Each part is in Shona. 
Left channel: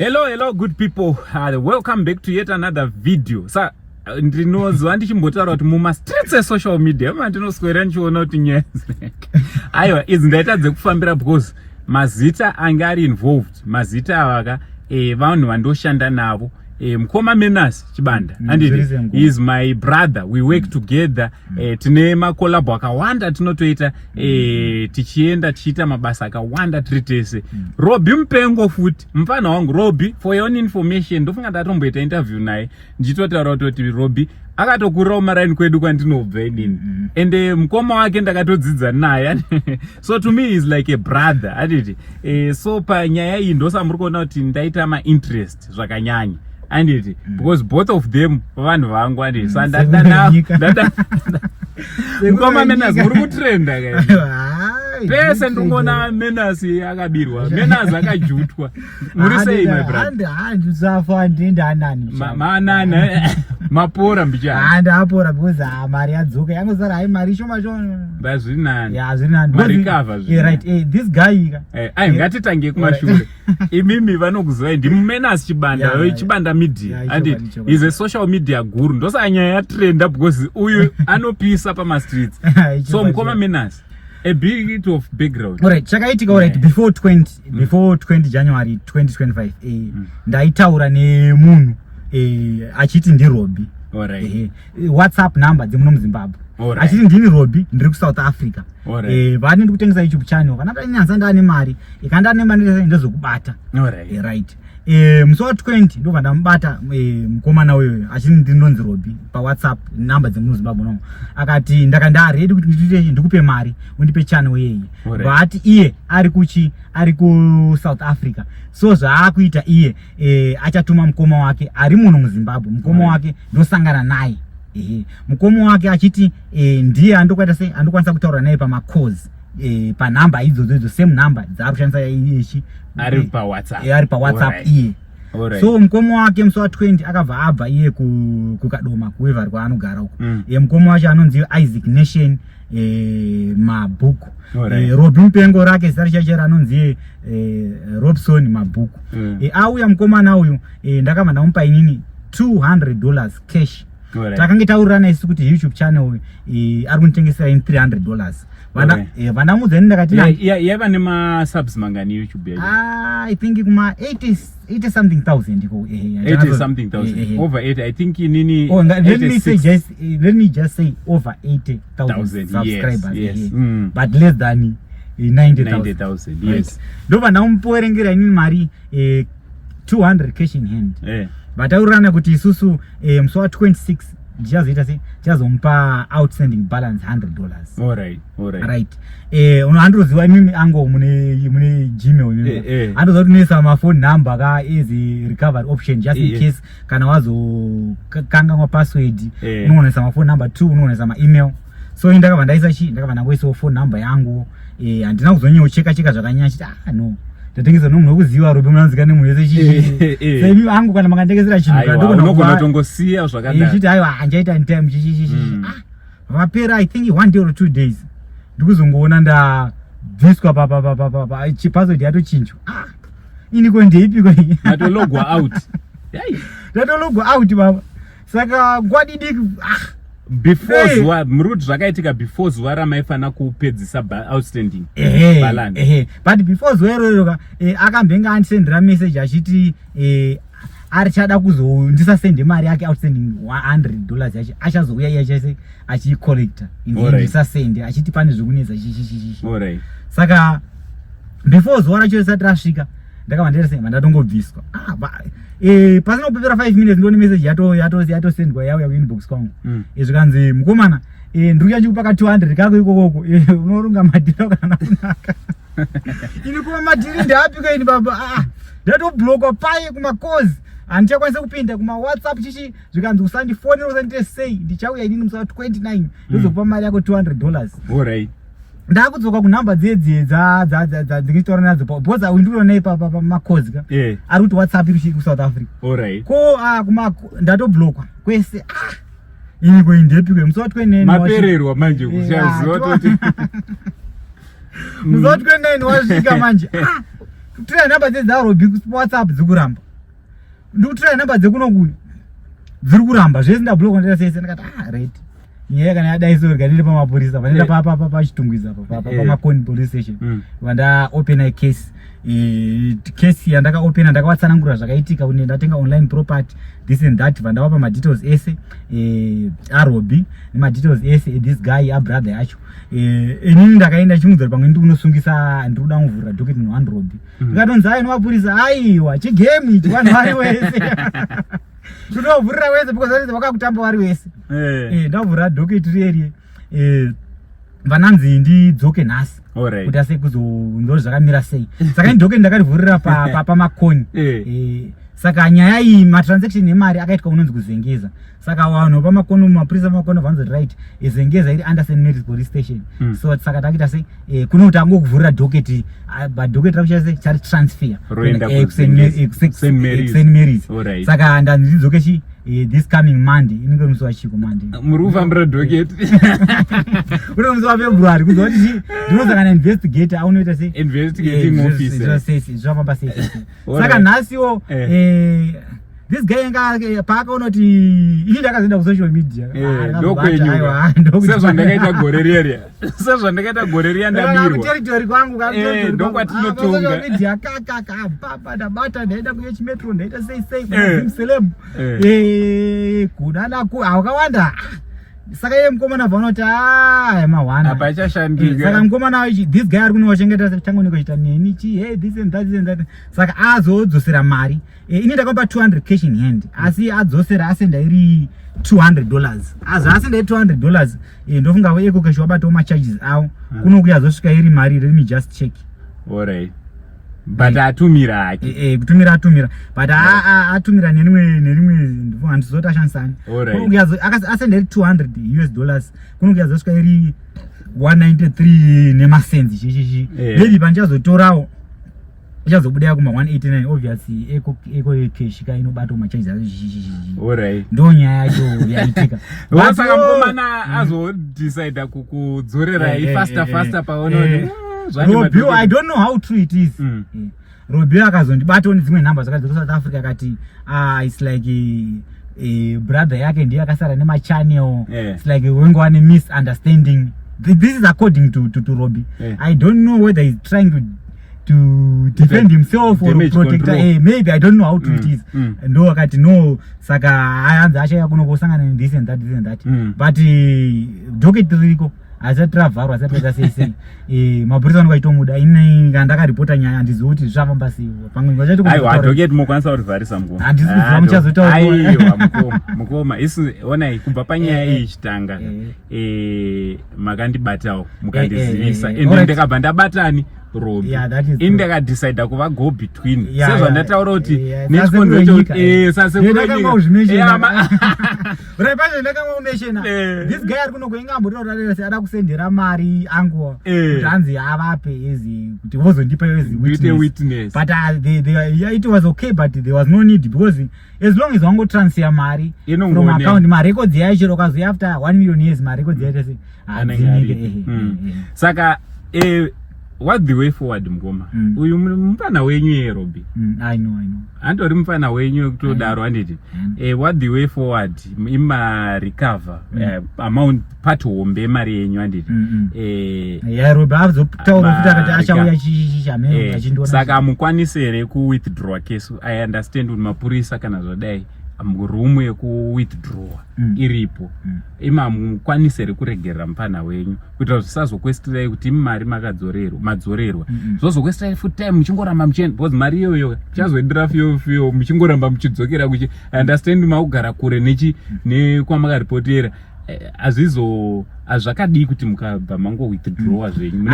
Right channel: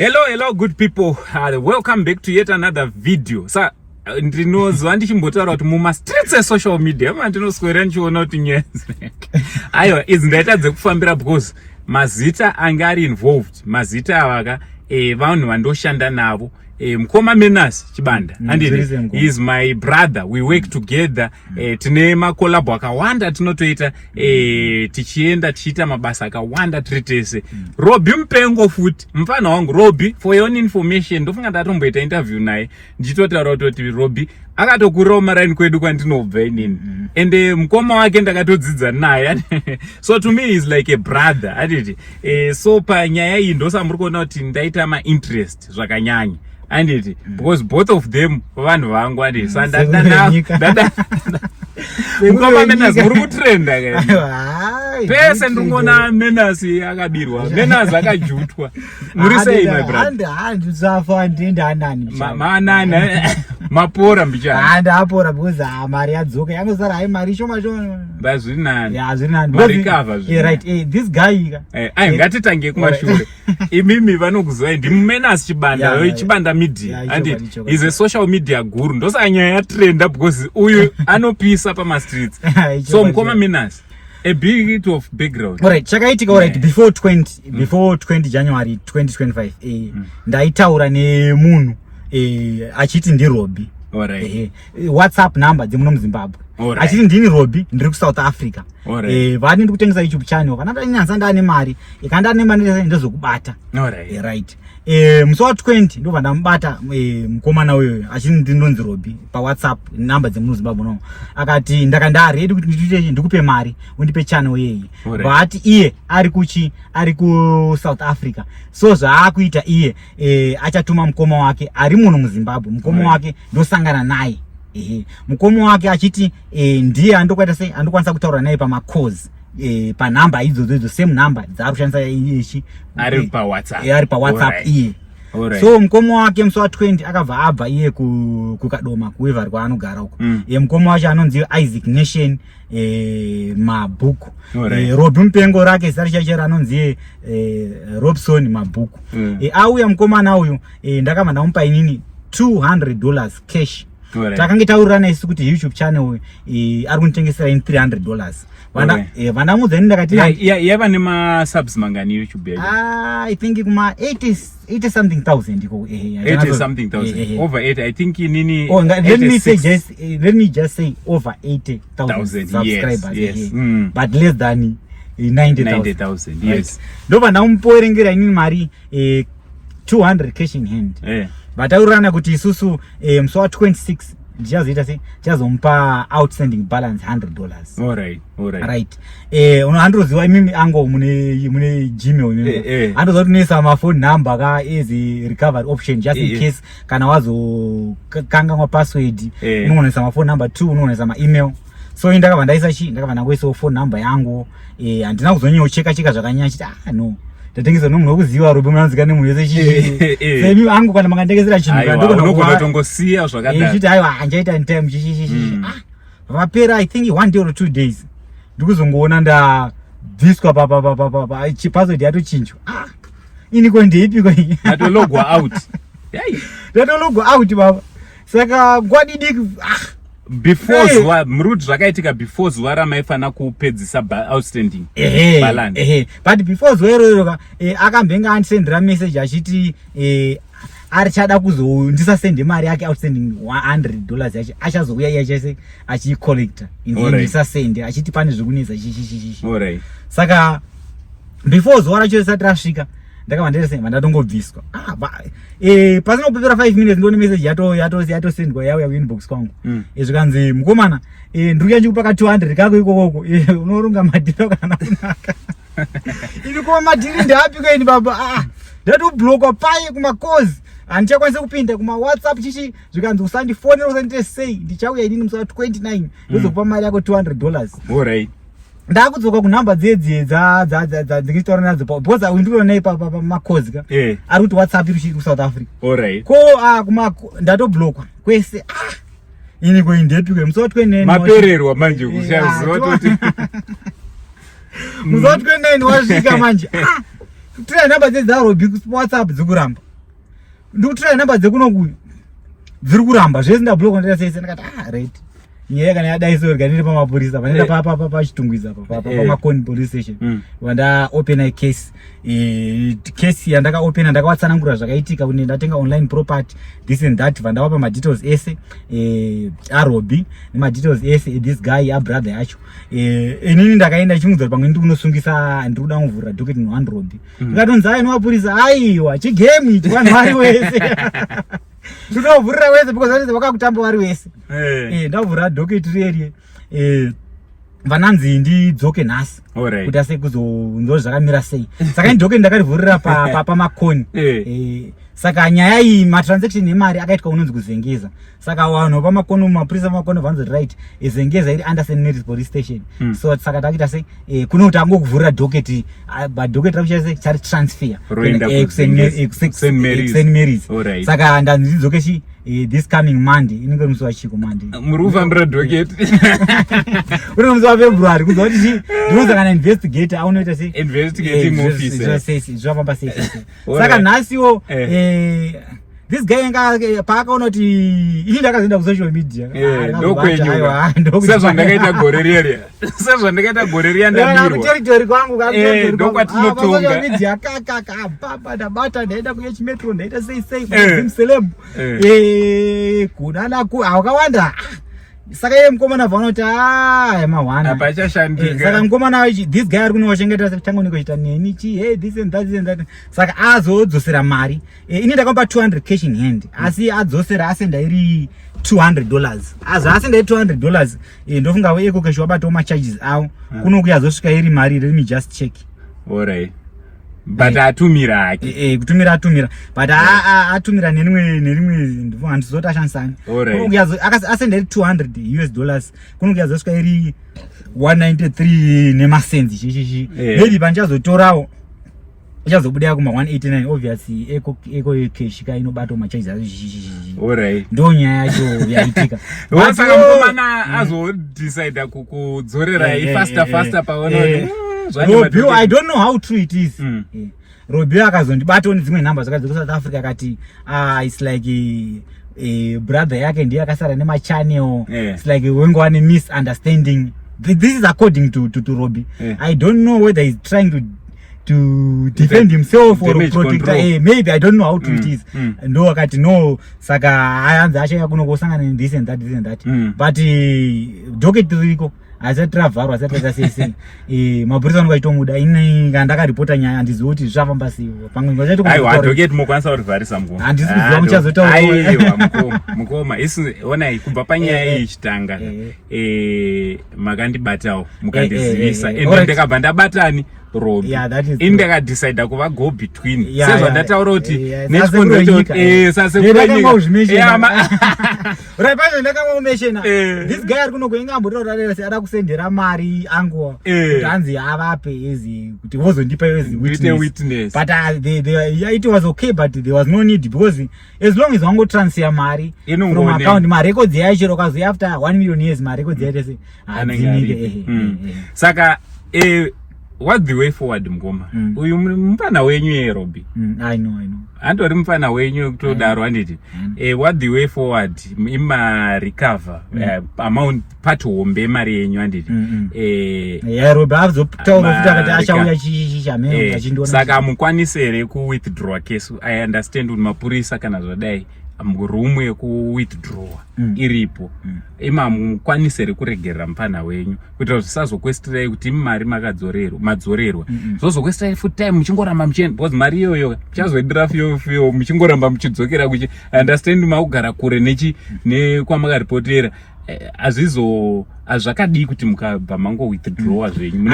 Hello, good people. Welcome back to yet another video. Sa ndinozwa ndichimbotaura kuti muma streets e social media mandinoswera ndichiona kuti nyezi. Aiwa, idzi ndaitadze kufambira because mazita anga ari involved. Mazita avaka vanhu vandoshanda navo. Mkoma Menas Chibanda and he is my brother. We work together. Tine makolabo akawanda tinotoita tichienda tichita mabasa akawanda tritese. Robbie Mpengo futi mfana wangu Robbie, for your own information ndofunga ndatomboita interview naye ndichitotaura kuti Robbie akatokurawo maraini kwedu kwandinobva inini and mkoma wake ndakatodzidza naye so to me is like a brother anditi so panyaya iyi ndosamuri kuona kuti ndaita ma-interest zvakanyanya anditi because both of them vanhu vangu anditi so mkoma Menas muri kutrenda pese ndikuona Menas akabirwa Menas akajutwa muri sei my brother handzafa ndendanani manana mapora mbicha handa apora because mari yadzoka yangozara hai mari shoma shoma bazviri nani ya zviri nani mari cover right this guy ngatitange kumashure imimi vanokuzwa ndi Menas Chibanda Chibanda media anditi is a social media guru ndosanya yatrenda because uyu anopisa pa streets so mkoma Menas a bit of background. Alright, chakaitika alright before 20 January 2025 ndaitaura nemunhu achiti ndi Robbie. Alright. WhatsApp number dzimuno muZimbabwe. Achiti ndini Robbie ndiri ku South Africa. Vani ndi kutengesa YouTube channel kana nyanza ndane mari ikandane mari ndezokubata. Alright. Right. Musi wa 20 ndobva ndamubata mukomana uyoyo achini ndinonzi Robbie pa WhatsApp number dzemuno Zimbabwe no akati ndakanda ready kuti ndikupe mari undipe channel yeyi but iye ari ku South Africa so zvaakuita iye achatuma mukoma wake ari muno muZimbabwe mukoma wake ndosangana naye mukoma wake achiti ndiye andokwaita sei andokwanisa kutaura naye pama calls pa number idzodzo same number dzari kushandisa ichi ari pa WhatsApp iye so mukoma wake musi wa 20 akabva abva iye kukadoma kuwevari kwaanogara uko mukoma wacho anonzi Isaac Nation Mabhuku Robbie Mpengo rake zita chache anonzi Robson Mabhuku auya mukomana uyu ndakabva ndamupa inini $200 cash takange taurirana isu kuti YouTube channel ari kunitengesera in $300 vanamudza ndakati yava nema subs mangani YouTube yayo I think kuma 80 something thousand iko 80 something thousand over 80 I think nini let me just say over 80,000 subscribers yes. But less than 90,000 yes ndobva ndamuporengera inini mari 200 cash in hand but aurana kuti isusu musi wa 26 ndichazoita sei chazomupa outstanding balance $100. Right unohandiroziva imimi ango mune Gmail imimi handoziva kuti unoisa mafone number ka as recovery option just in case kana wazokangangwa password unoisa mafone number 2 unoisa ma-email so ndakabva ndaisa ndakabva ndangoisawo phone number yangu handina kuzonyanya kucheka zvakanyanya chiti no tatengesa nomunhu wekuziva Robbie munanzikane munhu wese chichi semi angu kana makandengesera chinhu kandokonongosiya zvakadaro chiti aiwa hanjaita time chichi vapera I think 1 day or 2 days ndikuzongoona ndabviswa pa password yatochinjwa iniko ndeipiko iyi natologwa out natologwa out baba saka kwadidiki before mrudi zvakaitika before zuva ramaifana kupedzisa outstanding balance but before zuva iroro akambenga andisendera message achiti arichada kuzondisasende mari yake outstanding $100 yacho achazouya iye achicollecta ndisasende achiti pane zvekunetsa chichichichi saka before zuva racho risati rasvika ndakabva nderesema ndatongobviswa pasinopepera 5 minutes ndone message yatosendwa yauya kuinbox kwangu zvikanzi mukomana ndiri yanchikupaka 200 kako ikokoko unoronga madhiri kana kunaka ini kuma madhiri ndeapiko ini baba ndatobhlokwa paye kumakozi handichakwanisa kupinda kuma WhatsApp chichi zvikanzi usandifonera usandite sei ndichauya inini musi wa 29 ndozokupa mari yako $200 ndakudzoka kunhamba dzedze dzingitaura nadzo because ndiriona pamakozi ka ari kuti WhatsApp iri ku South Africa ko ndatobhlokwa kwese ini koindepikwe musi wa 29 mapererwa manje kushaziva kuti musi wa 29 wasvika manje tira nhamba dzedze Robbie ku WhatsApp dzikuramba ndikutora namba dzekunoku dziri kuramba zvese ndablock ndata sese ndakati right nyaya kana yadaiso ganire pamapurisa vanenda pachitungwiza pamakoni police station vanda open a case case yandaka open ndakawatsanangura zvakaitika kuti ndatenga online property this and that vandawapa ma details ese arobi nema details ese this guy a brother yacho inini ndakaenda chimudza pamwe ndi kunosungisa ndiri kuda kuvhura docket no 1 robi ndikatonza ai nomapurisa aiwa chigame ichi vanhu vari wese ndovhurira wese because vanenge vakakutamba vari wese ndavhurira docket reri vananzi ndidzoke nhasi kuti ase kuzonzwa zvakamira sei saka docket ndakarivhurira pamakoni saka nyaya iyi matransaction emari akaitwa unonzi kuzengeza saka vanhu pamakoni mapurisa pamakoni vanonzi right zengeza iri under St Mary's police station so saka takuita se kuno kuti angokuvhurira docket docket rakuchaise chari transfer St Mary's saka ndanzidzoke chi this coming Monday inenge musi wachiko Monday muri kufambira docket uri musi waFebruary kuzwa kuti ndinozangana investigator aunoita se investigating officer zvafamba sei saka nhasiwo this guy anga paakaona kuti ini ndakazoenda kusocial media sezvandakaita gore rere sezvandakaita gore riya ndamirwateritori kwangu ndokwatinotonga media kakaka ndabata ndaenda kuye chimetro ndaita sei zimseleb kunanaku wakawanda saka iye mukomana vanoti mawana saka mukomana this guy ari kunochengeta changu nikoita neni chi hey this and that saka azodzosera mari ini ndakampa 200 cash in hand asi adzosera asenda iri $200 asenda iri $200 ndofunga eko cash wabatawo macharges awo kunokuya azosvika iri mari let me just check alright but atumira hake kutumira but atumira nerimwe ndifunga ndizoti ashanisani asenda iri $200 kunokuya azosvika iri 193 nemasenzi chichichi maybe panchazotorawo ichazobuda kuma 189 obviously eko cash ka inobata macharges alright ndo nyaya yacho yaitika saka mukomana azodecide kudzorera faster paononi Robio, I don't know how true it is. Robio akazondibata on dzimwe nhamba dzakadzoka South Africa akati it's like a brother yake ndiye akasara nema channel. It's like wengo wane misunderstanding. This is according to Robbie. I don't know whether he's trying to defend himself or protect maybe I don't know how true it is. Ndo akati no saka ayanza acha kunokosangana this and that. But docket riko asatravharwa asataka sei mapurisa anokaitomuda ini ngandakaripota nyaya handizivi kuti zvafamba sei pamwe ngachatodocket mukwanisa kurivharisa mukoma handisi kuziva muchazotaura mukoma isi onai kubva panyaya iyi chitanga makandibatawo mukandizivisa ende ndakabva ndabatani Robbie ini ndakadecida kuva go between sezvandataura kuti this guy ari kunogoinga ambotaura se ada kusendera mari angu kuti hanzi avape ezi kuti vozondipa ezi witness but it was okay but there was no need because as long as wango transfer mari from account ma records yacho kazo after 1 million years ma records yacho se adzinike saka what the way forward mukoma uyu mupana wenyu yeRobbie I know andori mupana wenyu kutodaro anditi what the way forward ima recover amount part hombe mari yenyu anditi Robbie azotaura futa kuti achauya chichamero achindona saka mukwanisere ku withdraw case I understand kuti mapurisa kana zvadai rumwe yekuwithdraw iripo imamukwanisere kuregerera mupana wenyu kuitira zvisazokwestirai kuti mari madzorerwa zvozokwestirai full time muchingoramba muchienda because mari iyoyo chazoendera fiyo muchingoramba muchidzokera kuchi understand makugara kure nekwamakaripoteera azvakadii kuti mukabva mango withdraw zvenyu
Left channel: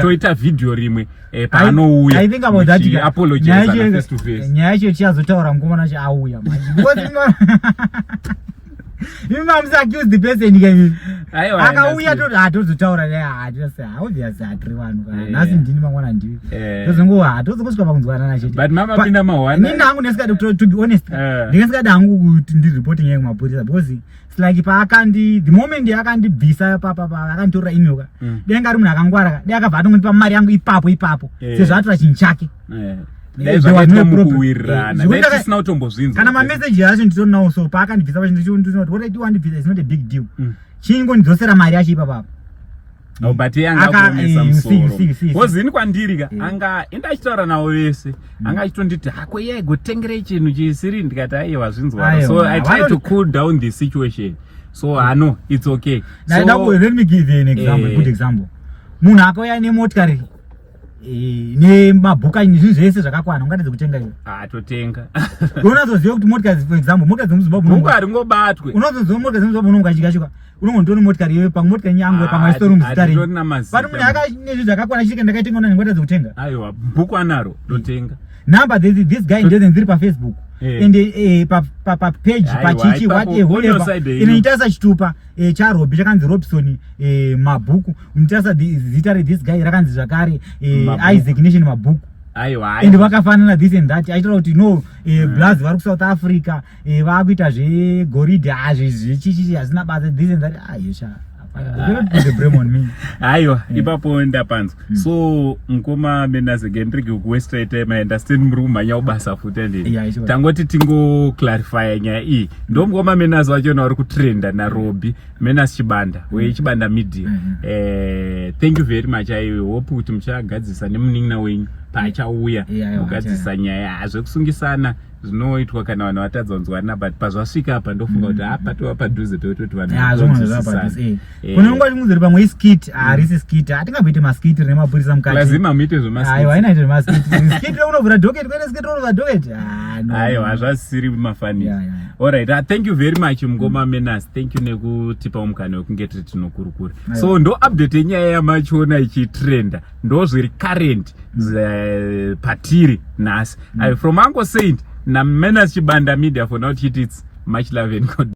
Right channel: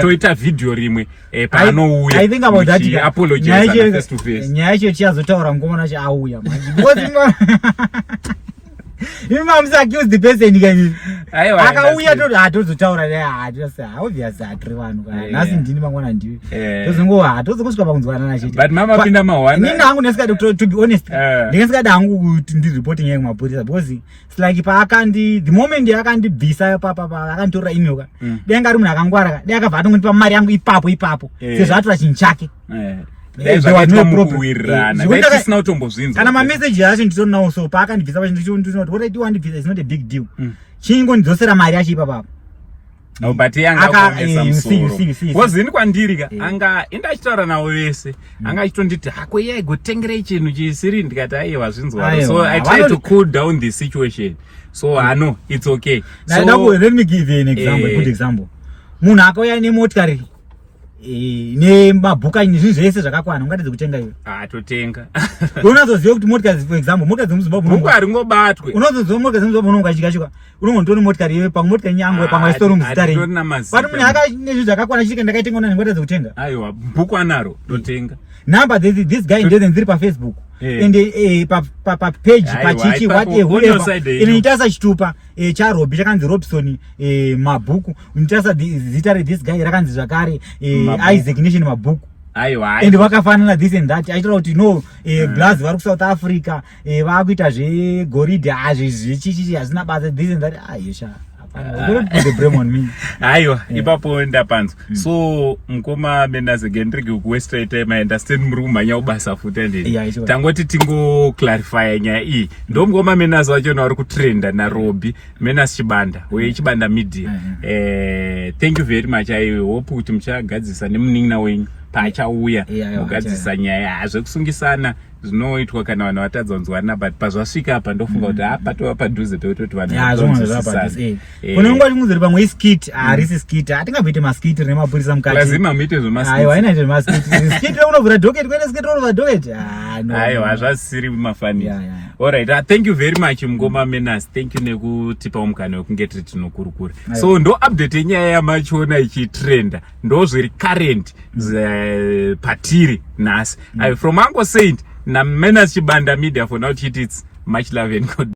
toita video rimwe paanouya apologize face to face nyaya yacho chichazotaura mukomana chacho auya imamsa accuse the person again akauya toti hatozotaura naye obviously hatiri vanhu nhasi ndini mangwana ndivi tozongo hatozongosvika pakunzwanana chete but mamapinda mahwana nini hangu ndisikadi to be honest ndingasikadi hangu kuti ndiripoti nyaya kumapurisa because it's like the moment yakandibvisa akanditorera email denga ari munhu akangwara dai akabva atongondipa mari yangu ipapo sezvo atora chinhu chake zvakaitwa mukuwirirana tisina kutombozvinzwa kana mameseji acho nditonawo so paakandibvisa pacho ndinoti what I do wandibvisa is not a big deal chingondidzosera mari yacho ipapapa but yangakuonesa musoro wozini kwandiri ka anga indachitaura navo vese anga achitonditi hako iye aigotengerei chinhu chisiri ndikati aiwa zvinzwaro so I try to cool down the situation so hano it's okay let me give you an example a good example munhu akauya nemotikari nemabhuka zvinhu zvese zvakakwana ungatedze kutenga iwe totenga unozoziva kuti motikari for example motikari dzemuzimbabwe bhuku haringobatwe unozoziva motikari dzemuzimbabwe unonga achikashuka unongotora motikari iwe pamwe motikari nyangwe pamwe storum zita rei but munhu nezvinhu zvakakwana chiri ndakaitenga una ndingatedze kutenga aiwa bhuku anaro totenga number this guy ndozen dziri paFacebook and papage pachichi whatever inoitasa chitupa chaRobbie chakanzi Robson mabhuku inoitasa zita rethis guy rakanzi zvakare Isaac Nation mabhuku and vakafanana this and that aitaura kuti no Blaz vari kuSouth Africa vakuita zvegoridhe zvichichichi hazvina basa this and that yesha aiwa ipapo ndapanzwa so mukoma Menas again ndirege kuwesta time understand muri kumhanya kubasa futi ndini tangoti tingoclarify nyaya iyi ndo mukoma Menas wacho vari kutrenda naRobbie Menas Chibanda weChibanda Media thank you very much I hope kuti muchagadzisa nemunin'ina wenyu paachauya kugadzisa nyaya hazvekusungisana zvinoitwa kana vanhu vatadzonzwana but pazvasvika apa ndofunga kuti patova padhuze pekutoti unonga chimuziri pamwe iskit harisi skit hatingabvite maskiti nemapurisa mukati lazima muite zvemaskitaiwa zvemaskiti unobvira dhoketi kwete skiti unobva dhoketi aiwa zvasiri mafani alright thank you very much mukoma Menas thank you nekutipa mukana wekunge tiri tinokurukura so ndo update yenyaya yamachona ichitrenda ndo zviri current patiri nhasi from Uncle Saint na Menas Chibanda Media for now it's much love and good